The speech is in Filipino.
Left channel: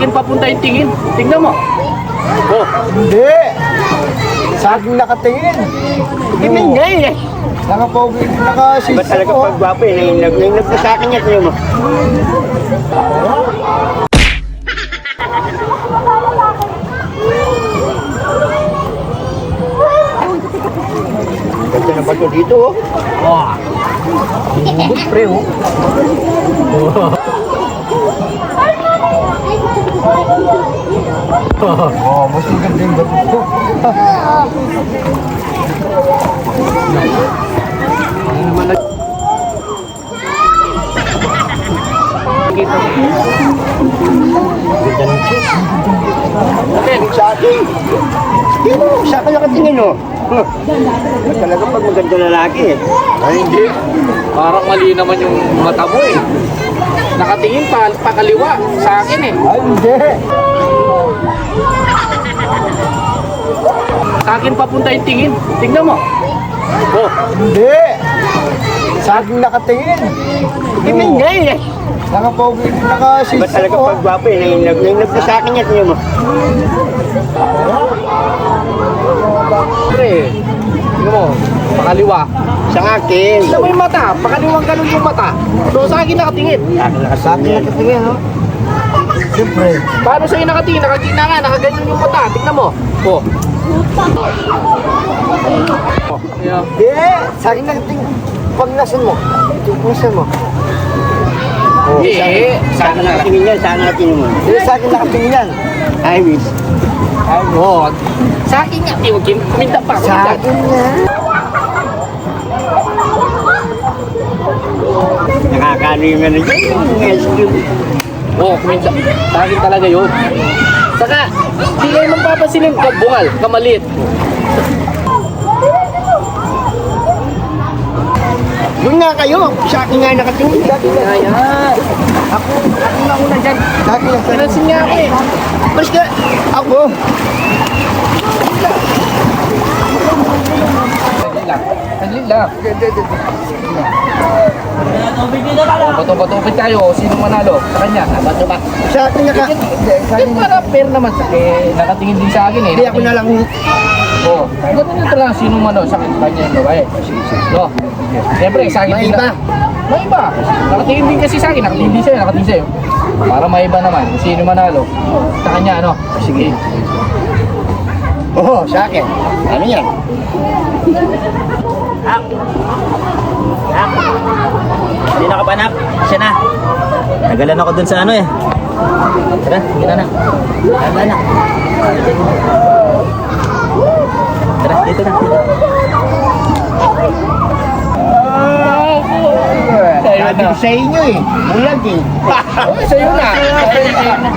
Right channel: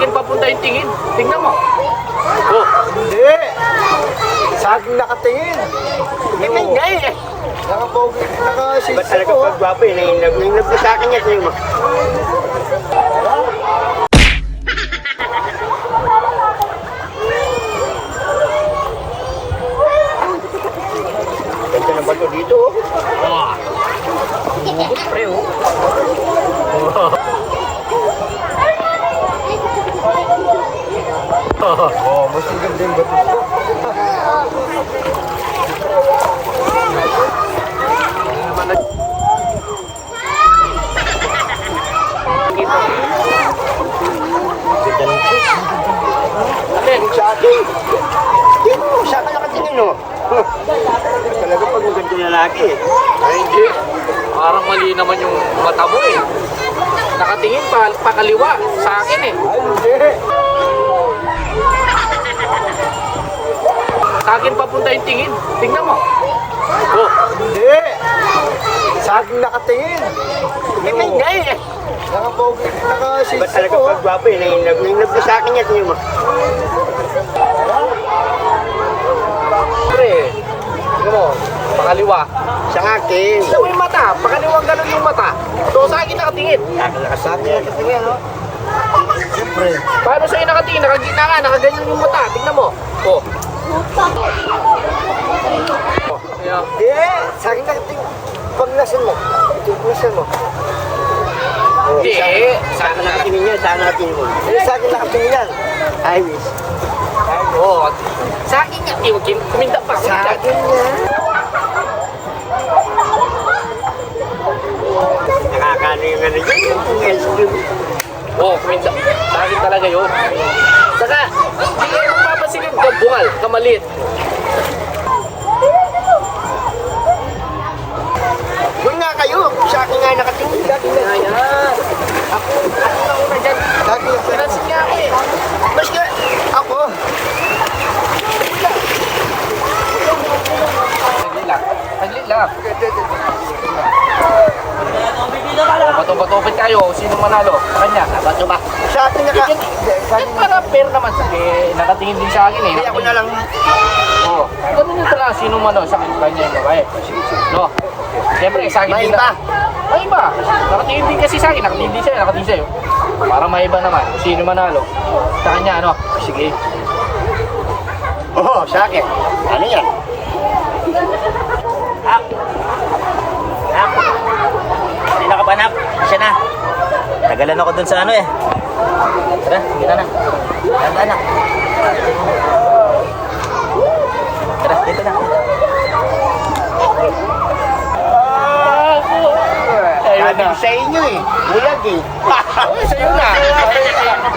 akin papunta yung tingin. Tingnan mo. Oh. Hindi. Sa akin nakatingin. Tingnan niya eh. Nakapogi, Ba nakasisi talaga ko. pagwapo eh, naiinag na sa akin yan kayo mo. Ganda ng bato dito oh. Wow. Good pre oh. Oh, mas maganda yung bato. Kita mo. Atin, sa akin. Di mo, sa akin nakatingin oh. Ba talaga pag maganda lalaki eh. Ay hindi. Parang mali naman yung mata mo eh. Nakatingin pa kaliwa sa akin eh. Ay, hindi. Sa akin papunta yung tingin. Tingnan mo. Oh. Hindi. Sa akin nakatingin. Tingnan niya eh. Nakapogi, Ba nakasisi talaga ko. pagwapo eh, naiinag na sa akin yan kayo mo. Pre. Tingnan mo. Pakaliwa. Sa akin. Tingnan mo yung mata. Pakaliwang ganun yung mata. So sa akin nakatingin. Sa akin nakatingin, no? Siyempre. Paano sa'yo nakatingin? Nakagina nga. Nakaganyan yung mata. Tingnan mo. Oh. Yeah. Hindi. Sa akin nakatingin. Paglasan mo. Paglasan mo. Hindi. Sa akin nakatingin yan, sa akin nakatingin mo. Hindi, sa akin nakatingin yan. I miss. Oh. Sa akin nga. Minta pa. Sa Minta. akin na. Nakakano yung ano dyan, yung ice cream. Oh, minta. Sa akin talaga yun. Saka, di kayo magpapansin yung kabungal, kamaliit. Yun nga kayo, sa akin nga nakatingin. Sa akin nga. Ako na dyan. Sa akin lang. Pinasin nga ako eh. Pulis ka. Ako. Sandali lang. Oh, bato-batopit kayo. Sino manalo? Sa kanya. Bato ba? Sa akin naka... Hindi, sa akin. Para fair naman sa nakatingin din sa akin eh. Hindi ako na lang... Oh, ganito lang sino manalo sa kanya yung babae. No. Siyempre, sa akin May din iba. May iba. Nakatingin din kasi sa akin. Nakatingin din sa'yo. Nakatingin sa'yo. Para may iba naman. Sino manalo? Sa kanya, ano? Sige. Oo, sa akin. Ano yan? Hap. Hap. Hindi na ka pa, Nak. Siya na. Tagalan ako dun sa ano eh. Tara, sige na. Tanda na. Tara, dito na. Sabi ko sa inyo eh. Bulag eh. Sa'yo na. Sa'yo na.